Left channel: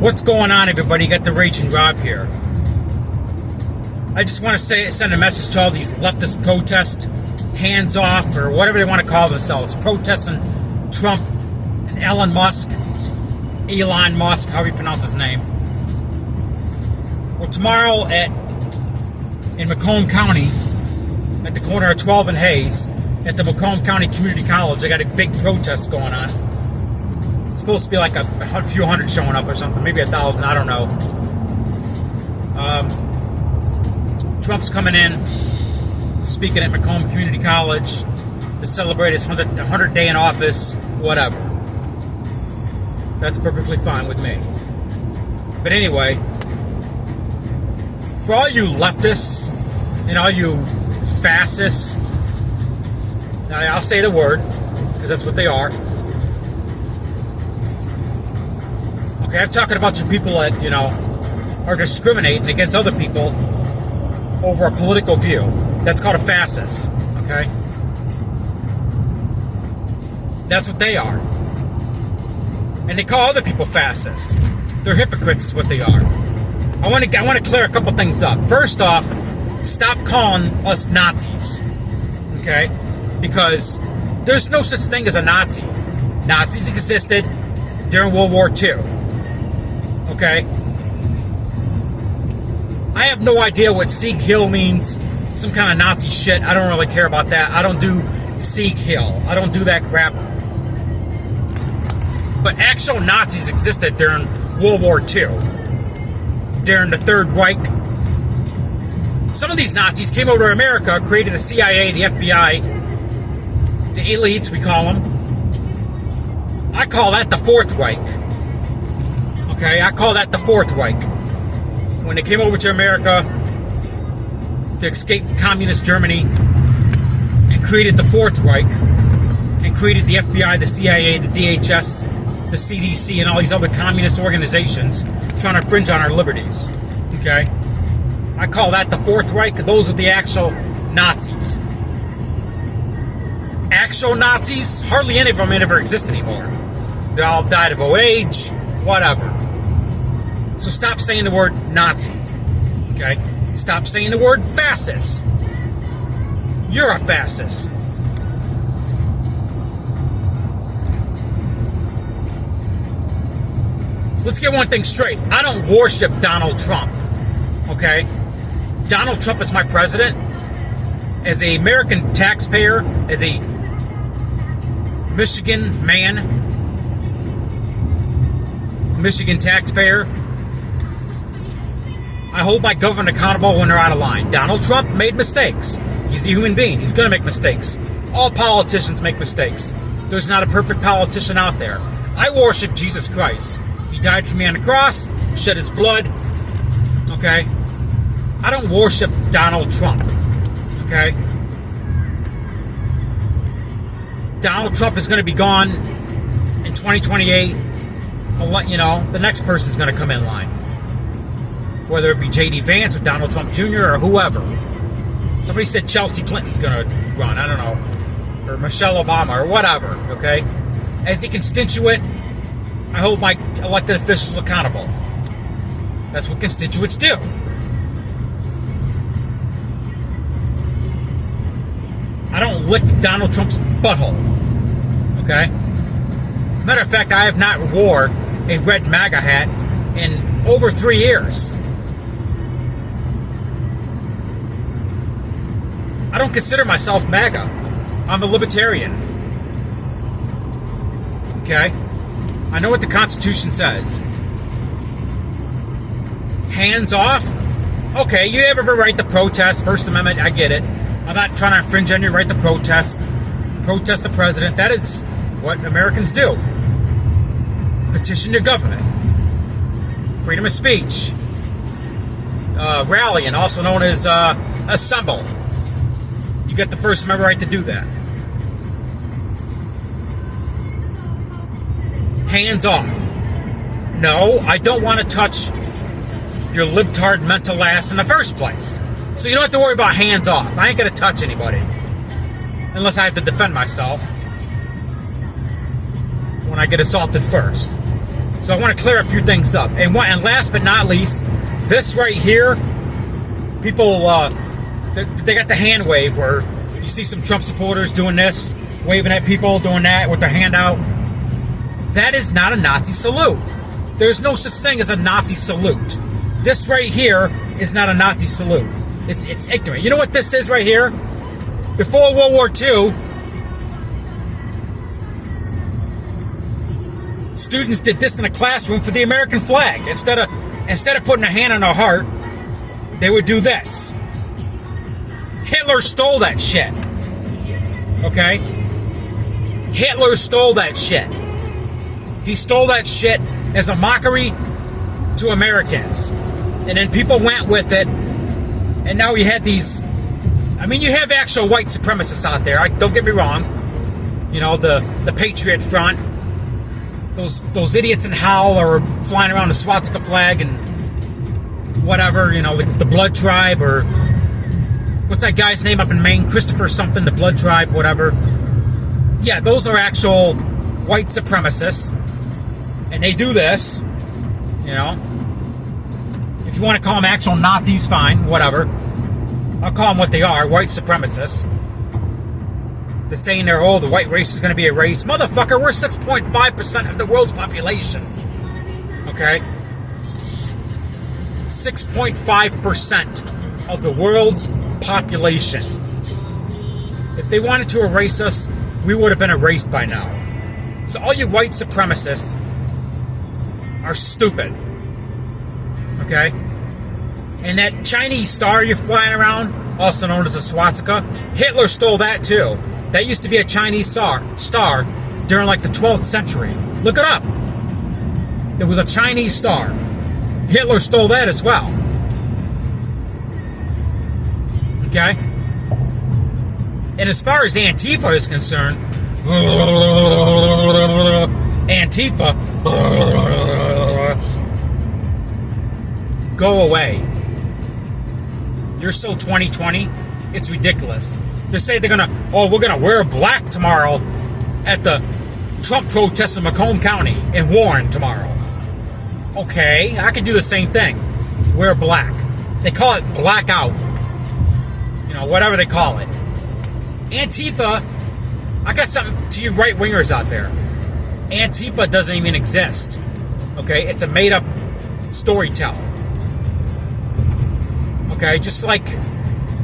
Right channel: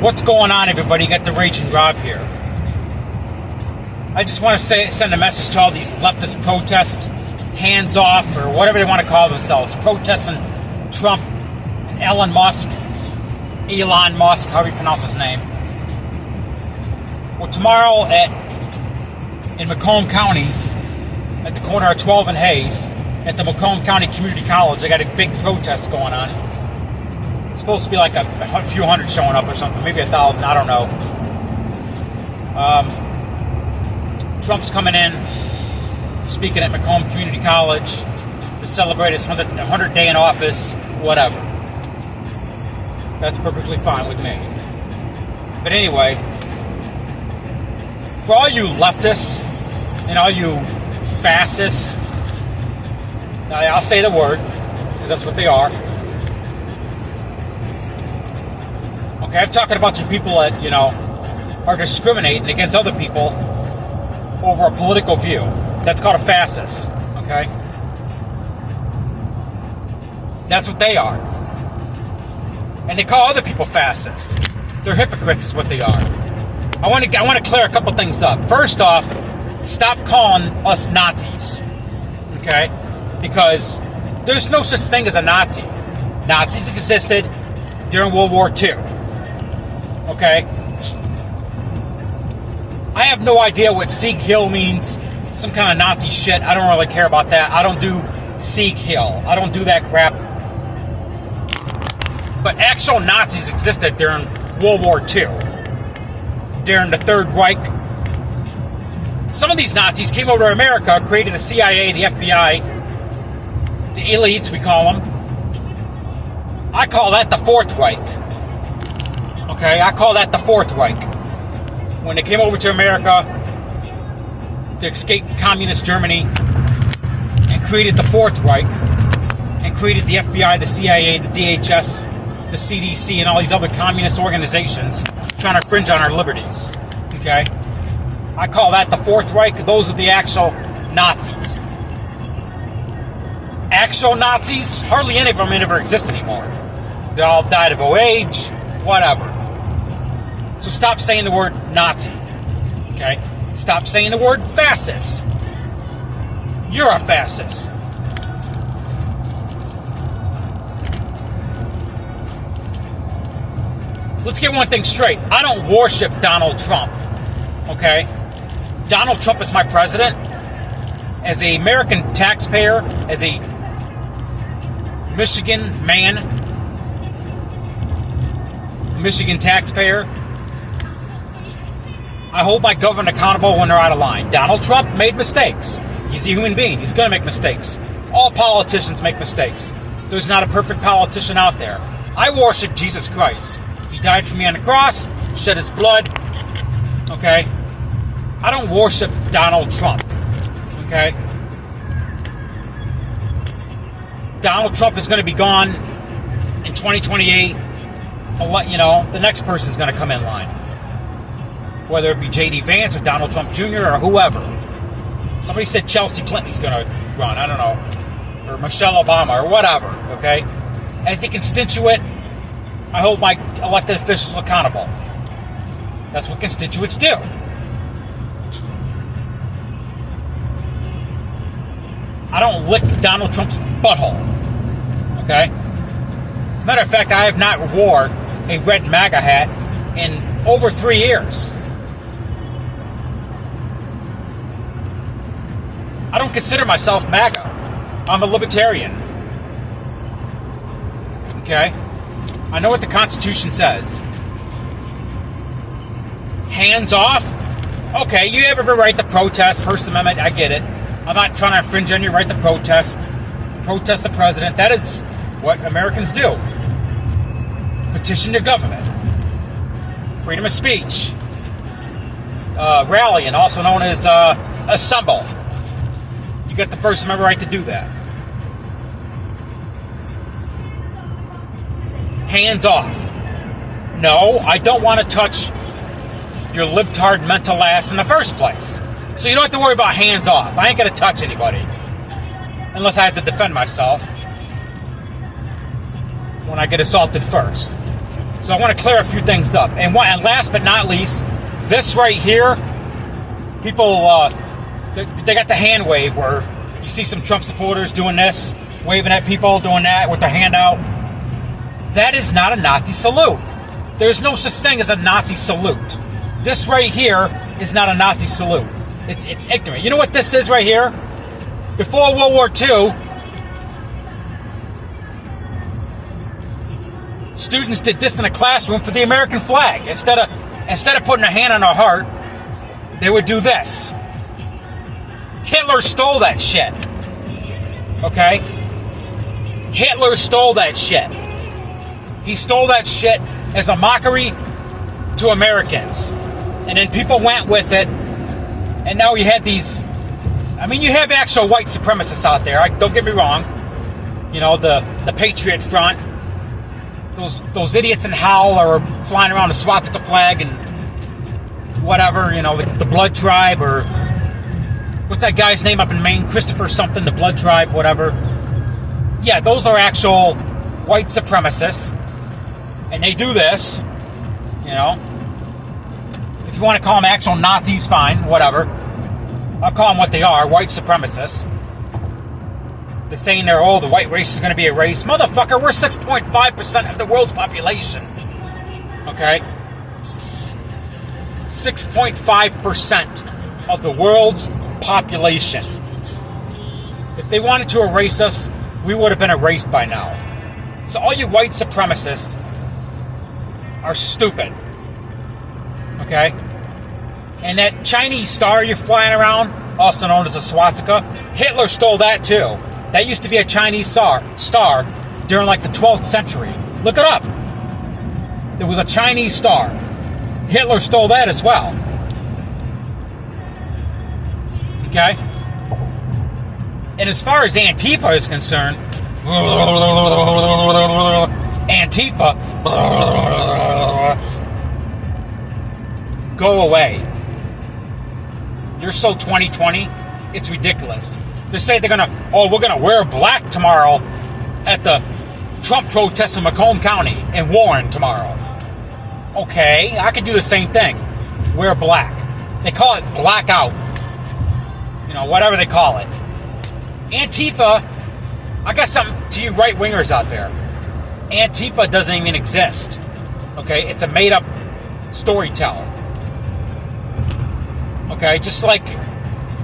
What's going on, everybody? You got the Raging Rob here. I just want to send a message to all these leftist protests, hands off, or whatever they want to call themselves, protesting Trump, Elon Musk, however you pronounce his name. Well, tomorrow in Macomb County, at the corner of 12th and Hayes, at the Macomb County Community College, they got a big protest going on. It's supposed to be like a few hundred showing up or something, maybe 1,000, I don't know. Trump's coming in, speaking at Macomb Community College to celebrate his 100th day in office, whatever. That's perfectly fine with me. But anyway, for all you leftists and all you fascists, I'll say the word, because that's what they are. Okay, I'm talking about you people that, are discriminating against other people over a political view. That's called a fascist, okay? That's what they are. And they call other people fascists. They're hypocrites is what they are. I want to clear a couple things up. First off, stop calling us Nazis, okay? Because there's no such thing as a Nazi. Nazis existed during World War II, okay? I have no idea what Sieg Heil means. Some kind of Nazi shit. I don't really care about that. I don't do Sieg Heil. I don't do that crap. But actual Nazis existed during World War II. During the Third Reich. Some of these Nazis came over to America, created the CIA, the FBI, the elites, we call them. I call that the Fourth Reich. Okay, I call that the Fourth Reich. When they came over to America to escape communist Germany and created the Fourth Reich and created the FBI, the CIA, the DHS, the CDC, and all these other communist organizations trying to infringe on our liberties. Okay? I call that the Fourth Reich. Those are the actual Nazis. Actual Nazis, hardly any of them ever exist anymore. They all died of old age, whatever. So stop saying the word Nazi, okay? Stop saying the word fascist. You're a fascist. Let's get one thing straight. I don't worship Donald Trump, okay? Donald Trump is my president. As an American taxpayer, as a Michigan man, Michigan taxpayer, I hold my government accountable when they're out of line. Donald Trump made mistakes. He's a human being. He's going to make mistakes. All politicians make mistakes. There's not a perfect politician out there. I worship Jesus Christ. He died for me on the cross, shed his blood. Okay? I don't worship Donald Trump. Okay? Donald Trump is going to be gone in 2028. I'll let you know. The next person's going to come in line. Whether it be J.D. Vance or Donald Trump Jr. or whoever. Somebody said Chelsea Clinton's going to run. I don't know. Or Michelle Obama or whatever. Okay? As a constituent, I hold my elected officials accountable. That's what constituents do. I don't lick Donald Trump's butthole. Okay? As a matter of fact, I have not wore a red MAGA hat in over 3 years. I don't consider myself MAGA. I'm a libertarian. Okay? I know what the Constitution says. Hands off? Okay, you have every right to protest, First Amendment, I get it. I'm not trying to infringe on your right to protest the president. That is what Americans do. Petition your government. Freedom of speech. Rallying, also known as assemble. You get the First Amendment right to do that. Hands off. No, I don't want to touch your libtard mental ass in the first place. So you don't have to worry about hands off. I ain't going to touch anybody. Unless I have to defend myself when I get assaulted first. So I want to clear a few things up. And last but not least, this right here, people, they got the hand wave where you see some Trump supporters doing this, waving at people, doing that with their hand out. That is not a Nazi salute. There's no such thing as a Nazi salute. This right here is not a Nazi salute. It's ignorant. You know what this is right here? Before World War II, students did this in a classroom for the American flag. Instead of putting a hand on their heart, they would do this. Hitler stole that shit. Okay? Hitler stole that shit. He stole that shit as a mockery to Americans. And then people went with it. And now you had these... I mean, you have actual white supremacists out there. Don't get me wrong. You know, the Patriot Front. Those idiots in Howell are flying around the swastika flag and whatever. You know, the Blood Tribe, or... what's that guy's name up in Maine? Christopher something, the Blood Tribe, whatever. Yeah, those are actual white supremacists. And they do this, you know. If you want to call them actual Nazis, fine, whatever. I'll call them what they are, white supremacists. They're saying the white race is going to be erased. Motherfucker, we're 6.5% of the world's population. Okay? 6.5% of the world's population. If they wanted to erase us, we would have been erased by now. So all you white supremacists are stupid. Okay? And that Chinese star you're flying around, also known as a swastika, Hitler stole that too. That used to be a Chinese star during like the 12th century. Look it up. There was a Chinese star. Hitler stole that as well. Okay? And as far as Antifa is concerned, Antifa, go away. You're so 2020, it's ridiculous. They say we're gonna wear black tomorrow at the Trump protests in Macomb County and Warren tomorrow. Okay, I could do the same thing. Wear black. They call it blackout. You know, whatever they call it. Antifa, I got something to you right-wingers out there. Antifa doesn't even exist. Okay, it's a made-up storyteller. Okay, just like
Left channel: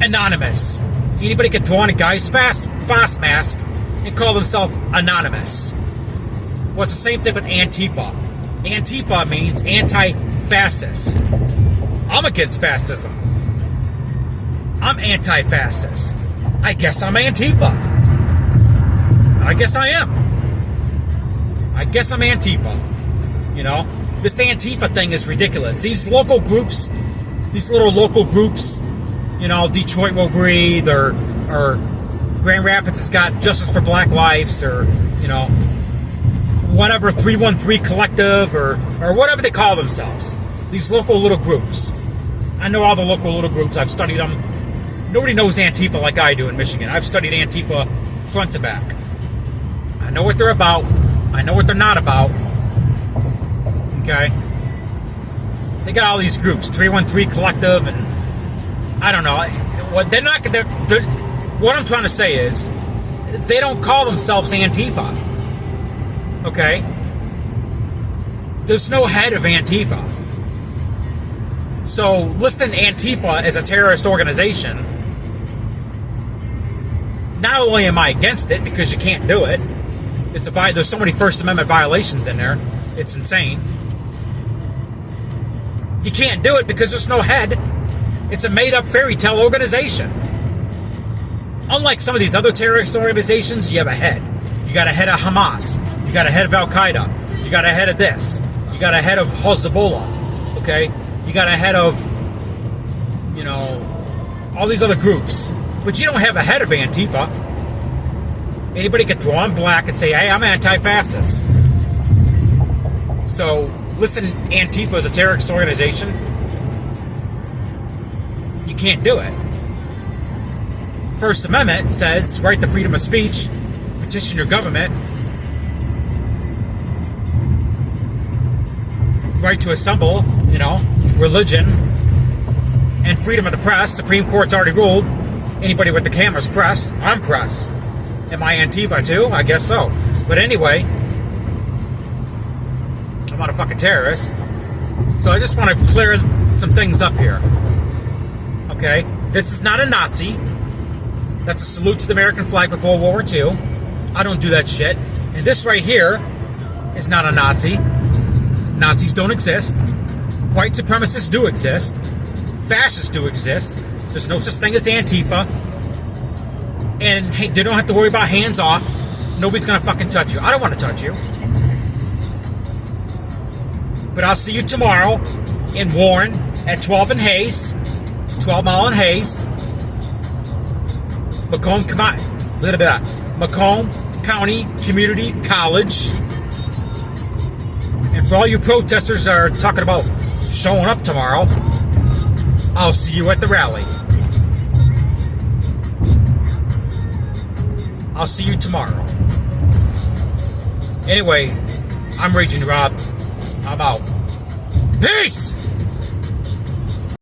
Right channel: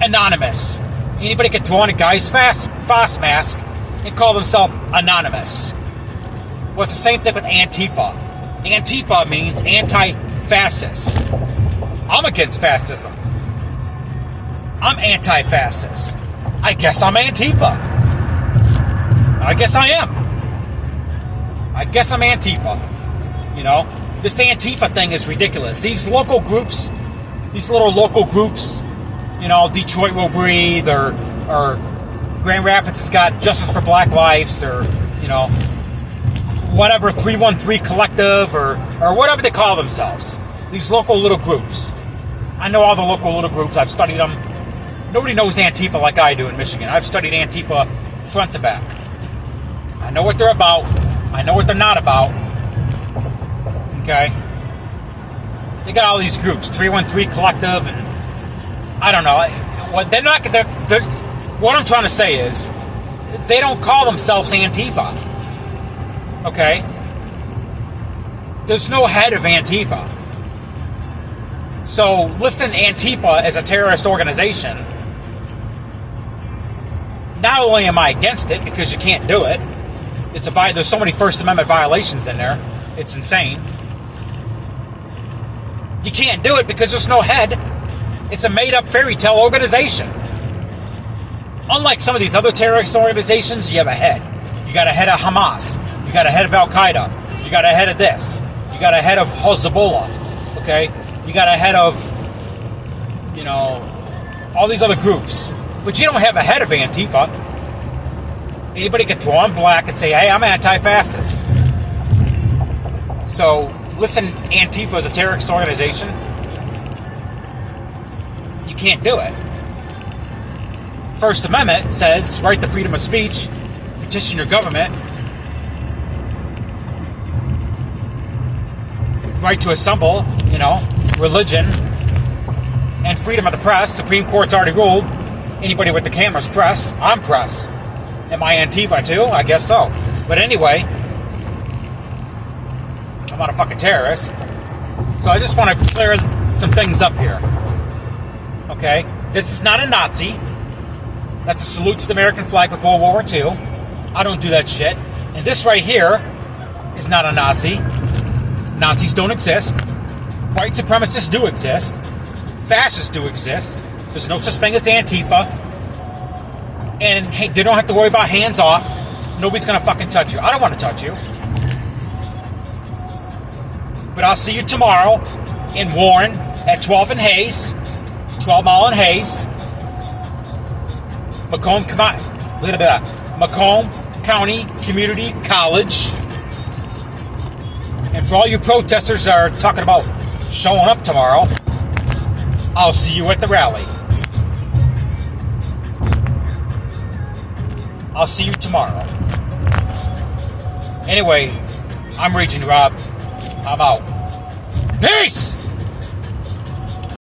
Anonymous. Anybody can throw on a guy's fast mask and call themselves Anonymous. Well, it's the same thing with Antifa. Antifa means anti-fascist. I'm against fascism. I'm anti-fascist. I guess I'm Antifa. I guess I am. I guess I'm Antifa. You know, this Antifa thing is ridiculous. These local groups, these little local groups, you know, Detroit Will Breathe, or Grand Rapids has got Justice for Black Lives, or, you know, whatever, 313 Collective, or whatever they call themselves. These local little groups. I know all the local little groups. I've studied them. Nobody knows Antifa like I do in Michigan. I've studied Antifa front to back. I know what they're about. I know what they're not about. Okay? They got all these groups, 313 Collective, and I don't know. They're not. What I'm trying to say is, they don't call themselves Antifa. Okay? There's no head of Antifa. So listing Antifa as a terrorist organization, not only am I against it because you can't do it, there's so many First Amendment violations in there, it's insane. You can't do it because there's no head. It's a made-up fairy tale organization. Unlike some of these other terrorist organizations, you have a head. You got a head of Hamas. You got a head of Al-Qaeda. You got a head of this. You got a head of Hezbollah. Okay? You got a head of, you know, all these other groups. But you don't have a head of Antifa. Anybody can throw on black and say, hey, I'm anti-fascist. So, listen, Antifa is a terrorist organization. You can't do it. First Amendment says, right to freedom of speech, petition your government. right to assemble, religion, and freedom of the press. Supreme Court's already ruled. Anybody with the camera's press. I'm press. Am I Antifa too? I guess so. But anyway, I'm not a fucking terrorist. So I just want to clear some things up here. Okay? This is not a Nazi. That's a salute to the American flag before World War II. I don't do that shit. And this right here is not a Nazi. Nazis don't exist. White supremacists do exist. Fascists do exist. There's no such thing as Antifa. And hey, they don't have to worry about hands off. Nobody's gonna fucking touch you. I don't want to touch you. But I'll see you tomorrow in Warren at 12 and Hayes. 12 Mile and Hayes. Macomb County Community College. And for all you protesters that are talking about showing up tomorrow, I'll see you at the rally. I'll see you tomorrow. Anyway, I'm Raging Rob. I'm out. Peace!